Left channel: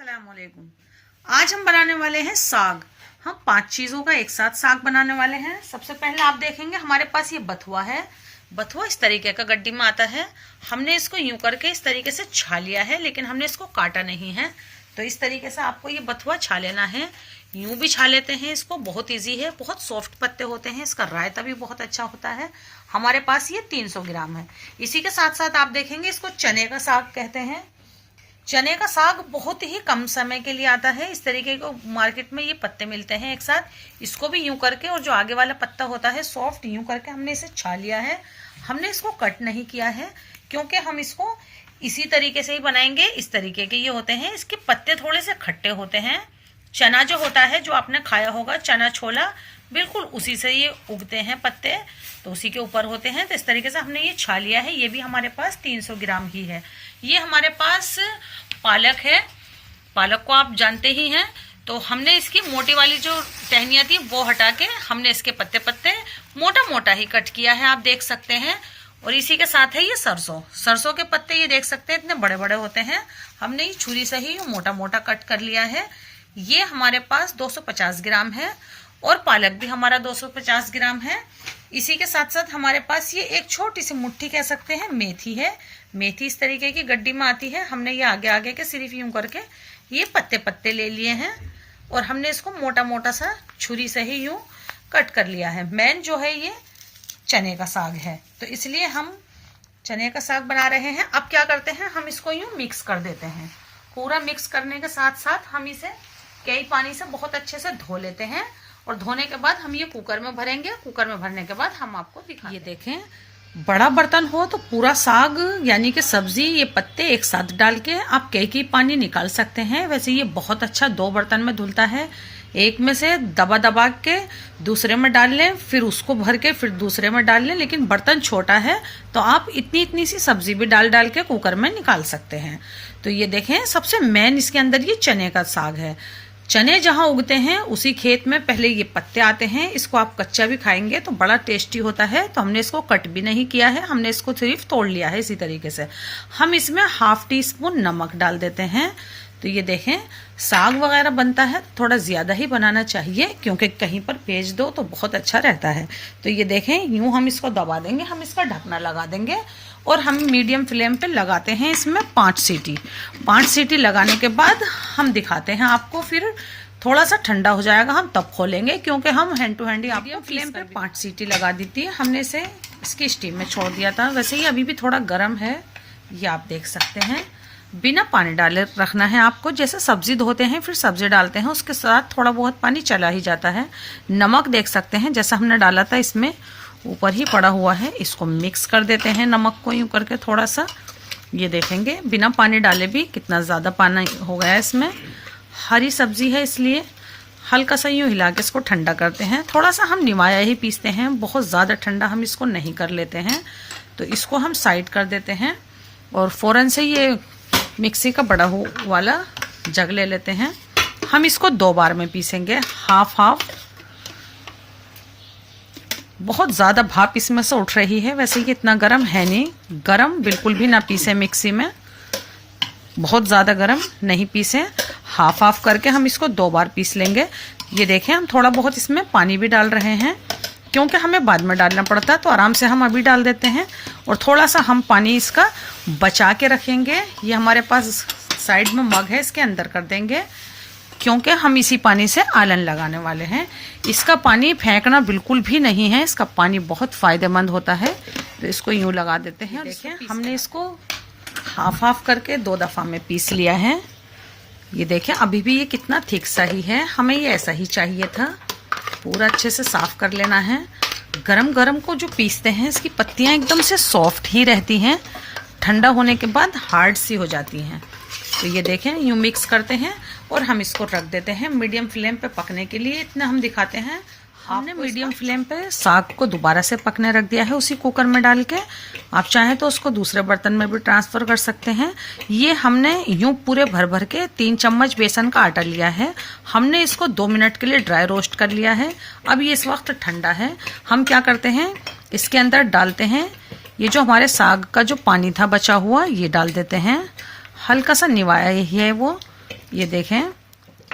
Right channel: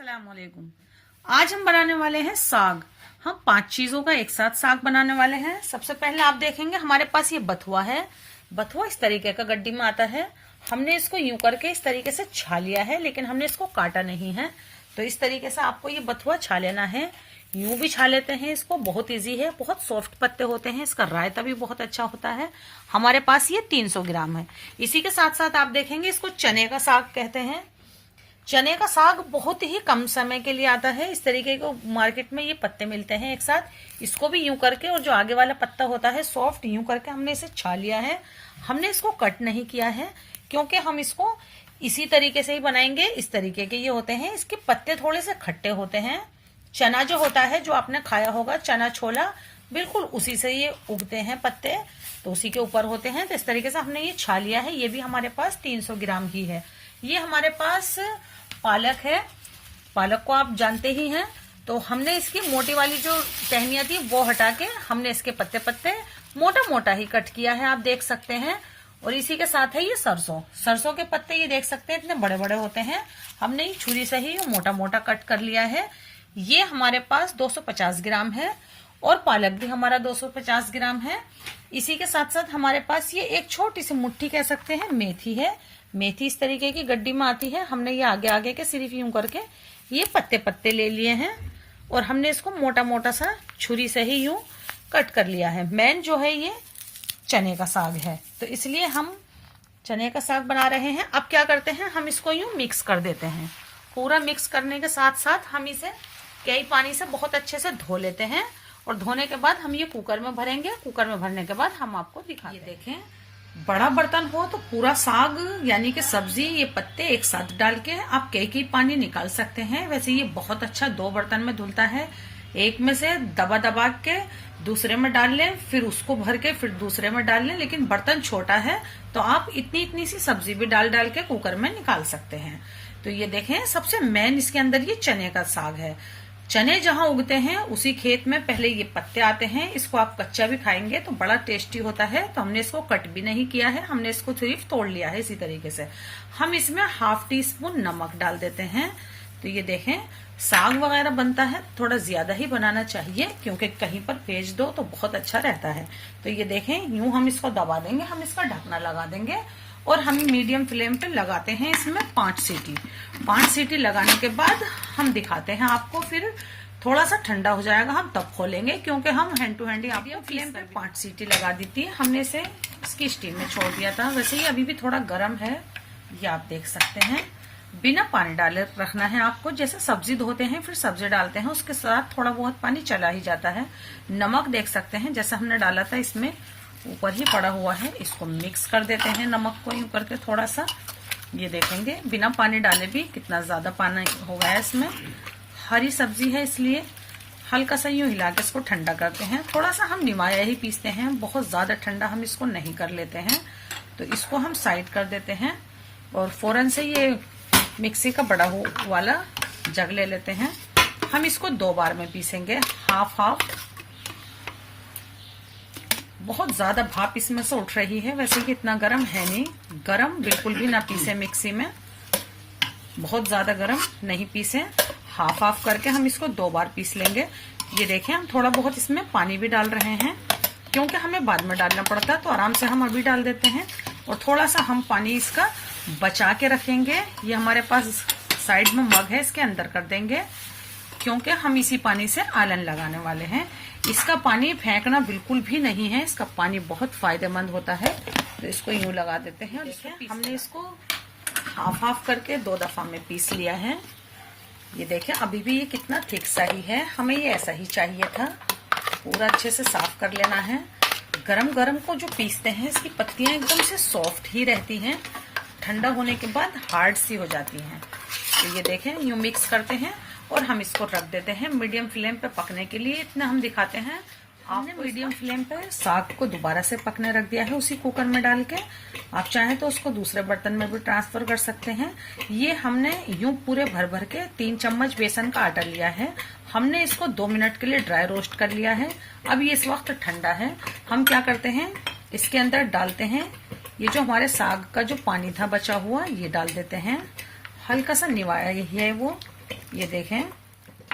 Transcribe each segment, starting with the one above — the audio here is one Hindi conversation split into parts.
अस्सलामुअलैकुम। आज हम बनाने वाले हैं साग। हम 5 चीजों का एक साथ साग बनाने वाले हैं। सबसे पहले आप देखेंगे हमारे पास ये बथुआ है। बथुआ इस तरीके का गड्डी में आता है। हमने इसको यूं करके इस तरीके से छा लिया है, लेकिन हमने इसको काटा नहीं है। तो इस तरीके से आपको ये बथुआ छा लेना है। यूं भी छा लेते हैं इसको, बहुत इजी है। बहुत सॉफ्ट पत्ते होते हैं, इसका रायता भी बहुत अच्छा होता है। हमारे पास ये 300 ग्राम है। इसी के साथ साथ आप देखेंगे इसको चने का साग कहते हैं। चने का साग बहुत ही कम समय के लिए आता है। इस तरीके को मार्केट में ये पत्ते मिलते हैं एक साथ। इसको भी यूं करके, और जो आगे वाला पत्ता होता है सॉफ्ट, यूं करके हमने इसे छा लिया है। हमने इसको कट नहीं किया है, क्योंकि हम इसको इसी तरीके से ही बनाएंगे। इस तरीके के ये होते हैं। इसके पत्ते थोड़े से खट्टे होते हैं। चना जो होता है, जो आपने खाया होगा चना छोला, बिल्कुल उसी से ये उगते हैं पत्ते, तो उसी के ऊपर होते हैं। तो इस तरीके से हमने ये छा लिया है। ये भी हमारे पास 300 ग्राम ही है। ये हमारे पास पालक है। पालक को आप जानते ही हैं। तो हमने इसकी मोटी वाली जो टहनियाँ थी वो हटा के हमने इसके पत्ते पत्ते मोटा मोटा ही कट किया है, आप देख सकते हैं। और इसी के साथ है ये सरसों। सरसों के पत्ते ये देख सकते हैं, इतने बड़े बड़े होते हैं। हमने ये छुरी से ही मोटा मोटा कट कर लिया है। ये हमारे पास 250 ग्राम है। और पालक भी हमारा 250 ग्राम है। इसी के साथ साथ हमारे पास ये एक छोटी सी मुट्ठी कह सकते हैं मेथी है। मेथी इस तरीके की गड्डी में आती है। हमने ये आगे आगे के सिर्फ यूं करके ये पत्ते पत्ते ले लिए हैं, और हमने इसको मोटा मोटा सा छुरी से ही यूं कट कर लिया है। मेन जो है ये चने का साग है, तो इसलिए हम चने का साग बना रहे हैं। अब क्या करते हैं, हम इसको यूं मिक्स कर देते हैं। पूरा मिक्स करने के साथ साथ हम इसे कई पानी से बहुत अच्छे से धो लेते हैं। और धोने के बाद हम ये कुकर में भरेंगे। कुकर में भरने के बाद हम आपको दिखाएंगे। ये देखें, बड़ा बर्तन हो तो पूरा साग यानी कि सब्जी, ये पत्ते एक साथ डाल के आप कई पानी निकाल सकते हैं। वैसे ये बहुत अच्छा 2 बर्तन में धुलता है। एक में से दबा दबा के दूसरे में डाल लें, फिर उसको भर के फिर दूसरे में डाल लें। लेकिन बर्तन छोटा है तो आप इतनी इतनी सी सब्जी भी डाल डाल के कुकर में निकाल सकते हैं। तो ये देखें, सबसे मेन इसके अंदर ये चने का साग है। चने जहां उगते हैं उसी खेत में पहले ये पत्ते आते हैं। इसको आप कच्चा भी खाएंगे तो बड़ा टेस्टी होता है। तो हमने इसको कट भी नहीं किया है, हमने इसको सिर्फ तोड़ लिया है। इसी तरीके से हम इसमें ½ टीस्पून नमक डाल देते हैं। तो ये देखें, साग वगैरह बनता है थोड़ा ज्यादा ही बनाना चाहिए, क्योंकि कहीं पर भेज दो तो बहुत अच्छा रहता है। तो ये देखें, यूं हम इसको दबा देंगे, हम इसका ढकना लगा देंगे, और हम मीडियम फ्लेम पे लगाते हैं इसमें 5 सीटी। 5 सीटी लगाने के बाद हम दिखाते हैं आपको। फिर थोड़ा सा ठंडा हो जाएगा, हम तब खोलेंगे, क्योंकि हम हैंड टू हैंड ही मीडियम फ्लेम पे 5 सीटी लगा दी थी। हमने इसे इसकी स्टीम में छोड़ दिया था। वैसे ही अभी भी थोड़ा गर्म है, ये आप देख सकते हैं। बिना पानी डाले रखना है आपको। जैसे सब्जी धोते हैं फिर सब्जी डालते हैं, उसके साथ थोड़ा बहुत पानी चला ही जाता है। नमक देख सकते हैं, जैसा हमने डाला था इसमें ऊपर ही पड़ा हुआ है। इसको मिक्स कर देते हैं नमक को यूं करके थोड़ा सा। ये देखेंगे बिना पानी डाले भी कितना ज्यादा पानी हो गया है इसमें। हरी सब्जी है इसलिए हल्का सा यूं हिला के इसको ठंडा करते हैं। थोड़ा सा हम निवाया ही पीसते हैं, बहुत ज्यादा ठंडा हम इसको नहीं कर लेते हैं। तो इसको हम साइड कर देते हैं, और फौरन से ये मिक्सी का बड़ा वाला जग ले लेते हैं। हम इसको 2 बार में पीसेंगे, हाफ। बहुत ज्यादा भाप इसमें से उठ रही है। वैसे ये इतना गर्म है नहीं, गर्म बिल्कुल भी ना पीसे मिक्सी में, बहुत ज्यादा गर्म नहीं पीसे। हाफ करके हम इसको 2 बार पीस लेंगे। ये देखें, हम थोड़ा बहुत इसमें पानी भी डाल रहे हैं, क्योंकि हमें बाद में डालना पड़ता है। तो आराम से हम अभी डाल देते हैं, और थोड़ा सा हम पानी इसका बचा के रखेंगे। ये हमारे पास साइड में मग है, इसके अंदर कर देंगे, क्योंकि हम इसी पानी से आलन लगाने वाले हैं। इसका पानी फेंकना बिल्कुल भी नहीं है, इसका पानी बहुत फायदेमंद होता है। तो इसको यूं लगा देते हैं। देखिए, हमने इसको हाफ करके 2 दफा में पीस लिया है। ये देखें, अभी भी ये कितना थिक सा ही है। हमें ये ऐसा ही चाहिए था। पूरा अच्छे से साफ कर लेना है। गरम गरम को जो पीसते हैं, इसकी पत्तियां एकदम से सॉफ्ट ही रहती हैं, ठंडा होने के बाद हार्ड सी हो जाती हैं। तो ये देखें, यूं मिक्स करते हैं, और हम इसको रख देते हैं मीडियम फ्लेम पे पकने के लिए। इतना हम दिखाते हैं। हमने मीडियम फ्लेम पे साग को दोबारा से पकने रख दिया है, उसी कुकर में डाल के। आप चाहें तो उसको दूसरे बर्तन में भी ट्रांसफर कर सकते हैं। ये हमने यूं पूरे भर के 3 चम्मच बेसन का आटा लिया है। हमने इसको 2 मिनट के लिए ड्राई रोस्ट कर लिया है। अब ये इस वक्त ठंडा है। हम क्या करते हैं, इसके अंदर डालते हैं ये जो हमारे साग का जो पानी था बचा हुआ, ये डाल देते हैं। हल्का सा निवाया ही है वो, ये देखें,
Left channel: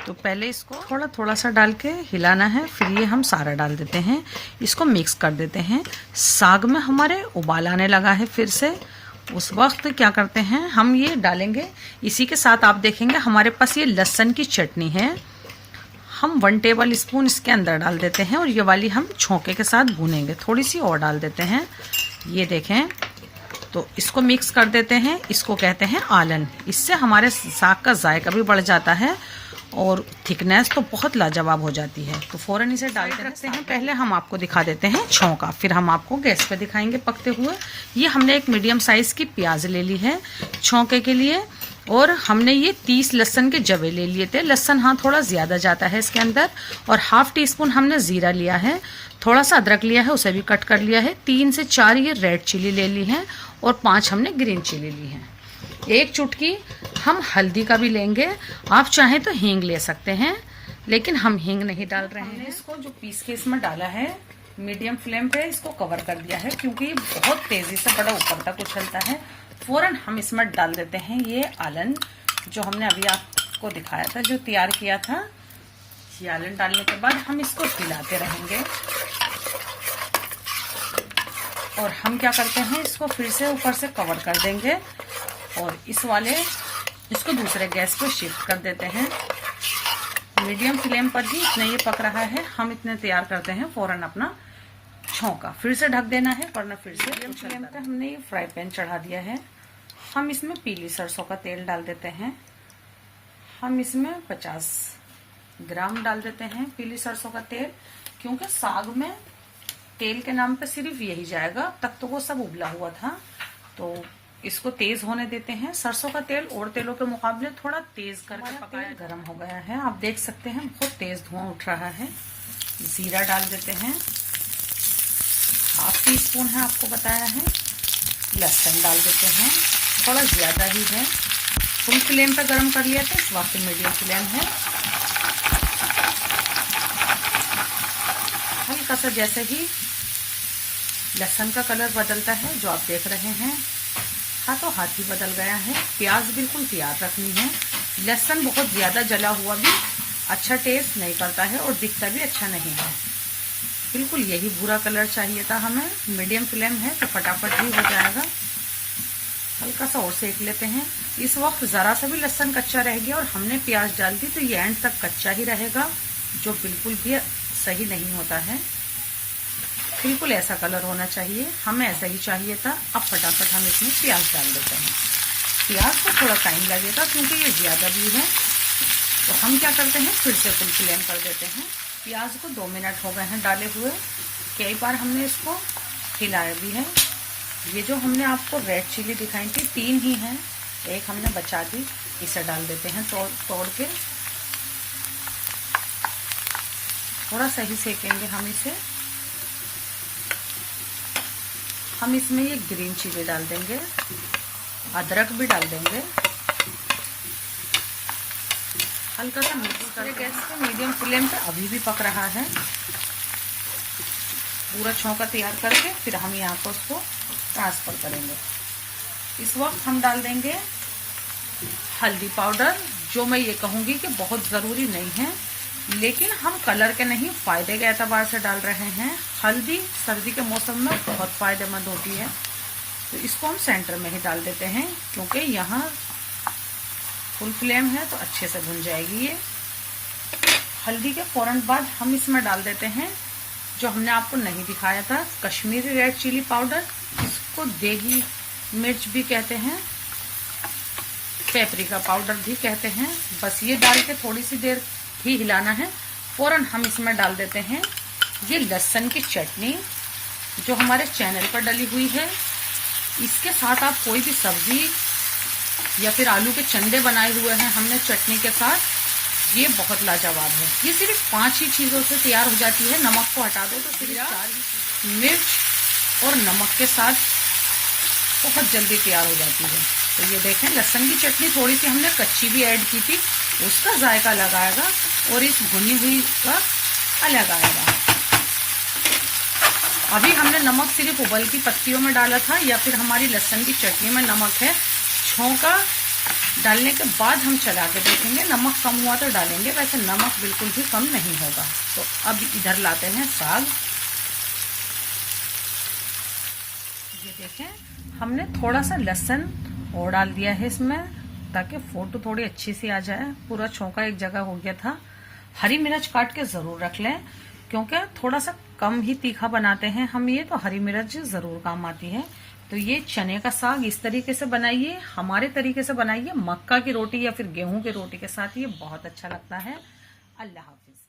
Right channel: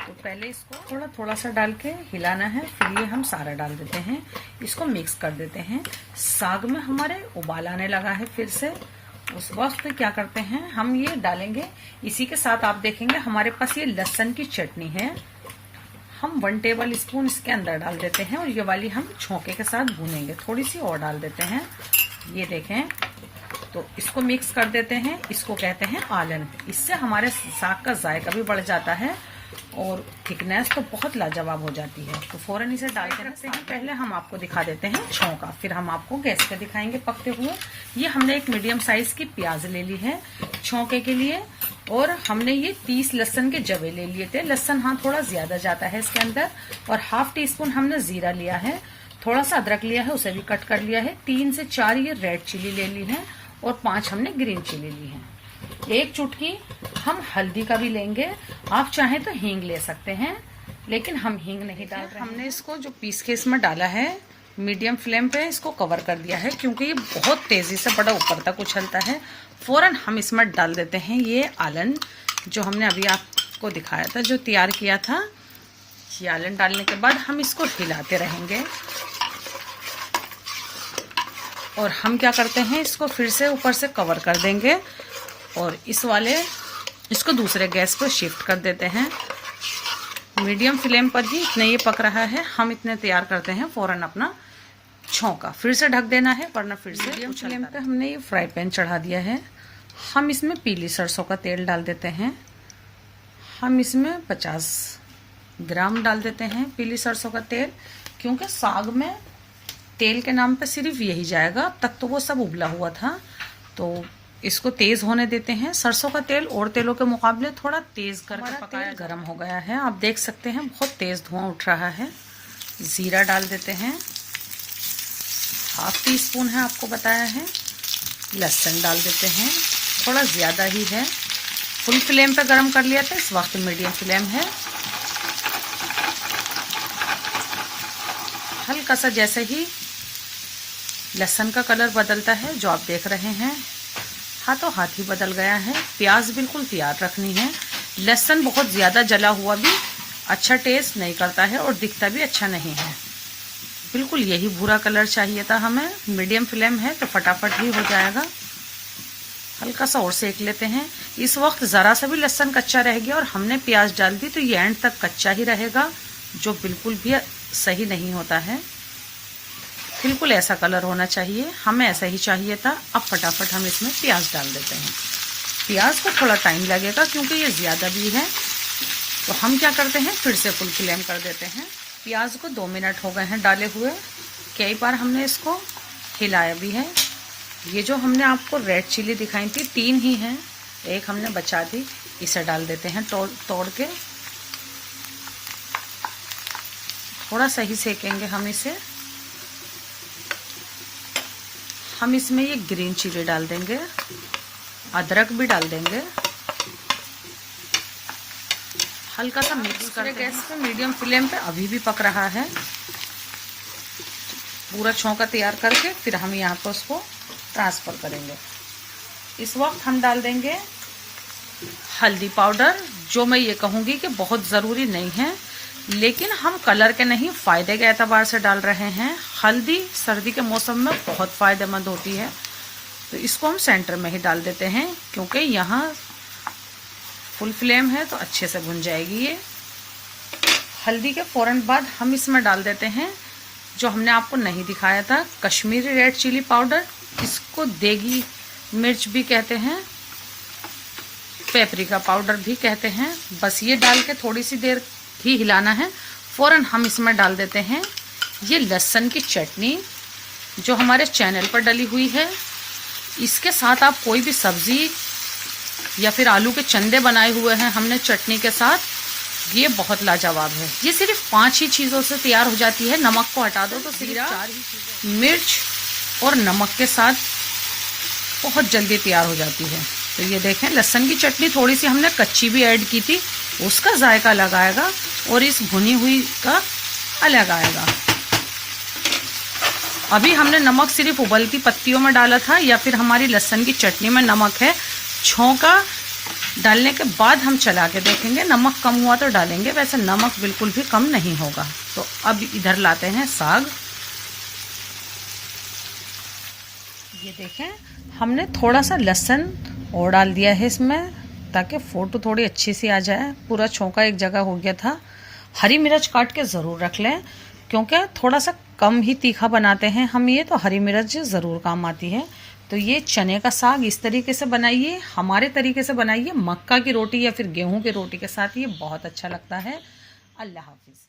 तो पहले इसको थोड़ा थोड़ा सा डाल के हिलाना है, फिर ये हम सारा डाल देते हैं, इसको मिक्स कर देते हैं। साग में हमारे उबाल आने लगा है फिर से, उस वक्त क्या करते हैं हम ये डालेंगे। इसी के साथ आप देखेंगे हमारे पास ये लहसुन की चटनी है, हम 1 टेबल स्पून इसके अंदर डाल देते हैं और ये वाली हम छौंके के साथ भूनेंगे। थोड़ी सी और डाल देते हैं, ये देखें, तो इसको मिक्स कर देते हैं। इसको कहते हैं आलन। इससे हमारे साग का जायका भी बढ़ जाता है और थिकनेस तो बहुत लाजवाब हो जाती है। तो फौरन इसे डाल के रखते हैं। पहले हम आपको दिखा देते हैं छौंका, फिर हम आपको गैस पे दिखाएंगे पकते हुए। ये हमने एक मीडियम साइज की प्याज ले ली है छौंके के लिए, और हमने ये 30 लहसुन के जवे ले लिए थे। लहसुन हाँ थोड़ा ज्यादा जाता है इसके अंदर। और ½ टीस्पून हमने जीरा लिया है, थोड़ा सा अदरक लिया है, उसे भी कट कर लिया है। 3 से 4 ये रेड चिली ले ली है और 5 हमने ग्रीन चिली ली है। 1 चुटकी हम हल्दी का भी लेंगे, आप चाहें तो हींग ले सकते हैं, लेकिन हम हींग नहीं डाल रहे हैं। हमने इसको जो पीस के इसमें डाला है, मीडियम फ्लेम पे इसको कवर कर दिया है, क्योंकि ये बहुत तेजी से बड़ा ऊपर तक उछलता है। फौरन हम इसमें डाल देते हैं ये आलन, जो हमने अभी आपको दिखाया था, जो तैयार किया था। ये आलन डालने के बाद हम इसको हिलाते रहेंगे और हम क्या करते हैं, इसको फिर से ऊपर से कवर कर देंगे और इसको दूसरे गैस पे शिफ्ट कर देते हैं। मीडियम फ्लेम पर ही इतना ये पक रहा है, हम इतने तैयार करते हैं। फौरन अपना छौंका फिर से ढक देना है, वरना फिर से मीडियम फ्लेम पे हमने ये फ्राई पैन चढ़ा दिया है। हम इसमें पीली सरसों का तेल डाल देते हैं। हम इसमें 50 ग्राम डाल देते हैं पीली सरसों का तेल, क्योंकि साग में तेल के नाम पे सिर्फ यही जाएगा, तब तो वो सब उबला हुआ था। तो इसको तेज होने देते हैं। सरसों का तेल और तेलों के मुकाबले थोड़ा तेज करके पकाया। गर्म हो गया है, आप देख सकते हैं बहुत तेज धुआं उठ रहा है। जीरा डाल देते हैं, ½ टीस्पून है आपको बताया है। लहसुन डाल देते हैं, थोड़ा ज्यादा ही है। फुल फ्लेम पे गरम कर लिया था, इस वक्त मीडियम फ्लेम है। हल्का सा जैसे ही लहसुन का कलर बदलता है, जो आप देख रहे हैं, हाथों हाथ ही बदल गया है। प्याज बिल्कुल तैयार रखनी है। लहसुन बहुत ज्यादा जला हुआ भी अच्छा टेस्ट नहीं करता है और दिखता भी अच्छा नहीं है। बिल्कुल यही भूरा कलर चाहिए था हमें। मीडियम फ्लेम है तो फटाफट ही हो जाएगा। हल्का सा और सेक लेते हैं। इस वक्त जरा सा भी लहसुन कच्चा रह गया और हमने प्याज डाल दी, तो ये एंड तक कच्चा ही रहेगा, जो बिल्कुल भी सही नहीं होता है। बिल्कुल ऐसा कलर होना चाहिए, हमें ऐसा ही चाहिए था। अब फटाफट हम इसमें प्याज डाल देते हैं। प्याज को थोड़ा टाइम लगेगा क्योंकि ये ज्यादा भी है, तो हम क्या करते हैं फिर से फुल फ्लेम कर देते हैं। प्याज को 2 मिनट हो गए हैं डाले हुए, कई बार हमने इसको हिलाया भी है। ये जो हमने आपको रेड चिली दिखाई थी 3 ही हैं, एक हमने बचा दी, इसे डाल देते हैं तोड़ के। थोड़ा सही सेकेंगे हम इसे। हम इसमें ये ग्रीन चिली डाल देंगे, अदरक भी डाल देंगे। हल्का सा मिक्स करें गैस पे, मीडियम फ्लेम पे अभी भी पक रहा है। पूरा छौंका तैयार करके फिर हम यहाँ पर उसको ट्रांसफर करेंगे। इस वक्त हम डाल देंगे हल्दी पाउडर, जो मैं ये कहूँगी कि बहुत ज़रूरी नहीं है, लेकिन हम कलर के नहीं फायदे के एतबार से डाल रहे हैं। हल्दी सर्दी के मौसम में बहुत फायदेमंद होती है, तो इसको हम सेंटर में ही डाल देते हैं, क्योंकि यहाँ फुल फ्लेम है तो अच्छे से भुन जाएगी ये। हल्दी के फौरन बाद हम इसमें डाल देते हैं, जो हमने आपको नहीं दिखाया था, कश्मीरी रेड चिली पाउडर। इसको देगी मिर्च भी कहते हैं, पेपरिका पाउडर भी कहते हैं। बस ये डाल के थोड़ी सी देर ही हिलाना है। फौरन हम इसमें डाल देते हैं ये लहसुन की चटनी, जो हमारे चैनल पर डली हुई है। इसके साथ आप कोई भी सब्जी या फिर आलू के चंदे बनाए हुए हैं हमने चटनी के साथ, ये बहुत लाजवाब है। ये सिर्फ 5 ही चीज़ों से तैयार हो जाती है। नमक को हटा दो तो सिर्फ मिर्च और नमक के साथ बहुत जल्दी तैयार हो जाती है। तो ये देखें, लहसुन की चटनी थोड़ी सी हमने कच्ची भी ऐड की थी, उसका जायका अलग आएगा और इस भुनी हुई का अलग आएगा। अभी हमने नमक सिर्फ उबलती पत्तियों में डाला था, या फिर हमारी लहसुन की चटनी में नमक है। छौंका डालने के बाद हम चला के देखेंगे, नमक कम हुआ तो डालेंगे, वैसे नमक बिल्कुल भी कम नहीं होगा। तो अब इधर लाते हैं साग। ये देखें हमने थोड़ा सा लहसुन और डाल दिया है इसमें, ताकि फोटो थोड़ी अच्छी सी आ जाए। पूरा छौंका एक जगह हो गया था। हरी मिर्च काट के ज़रूर रख लें, क्योंकि थोड़ा सा कम ही तीखा बनाते हैं हम ये, तो हरी मिर्च ज़रूर काम आती है। तो ये चने का साग इस तरीके से बनाइए, हमारे तरीके से बनाइए, मक्का की रोटी या फिर गेहूं की रोटी के साथ ये बहुत अच्छा लगता है। अल्लाह हाफिज़।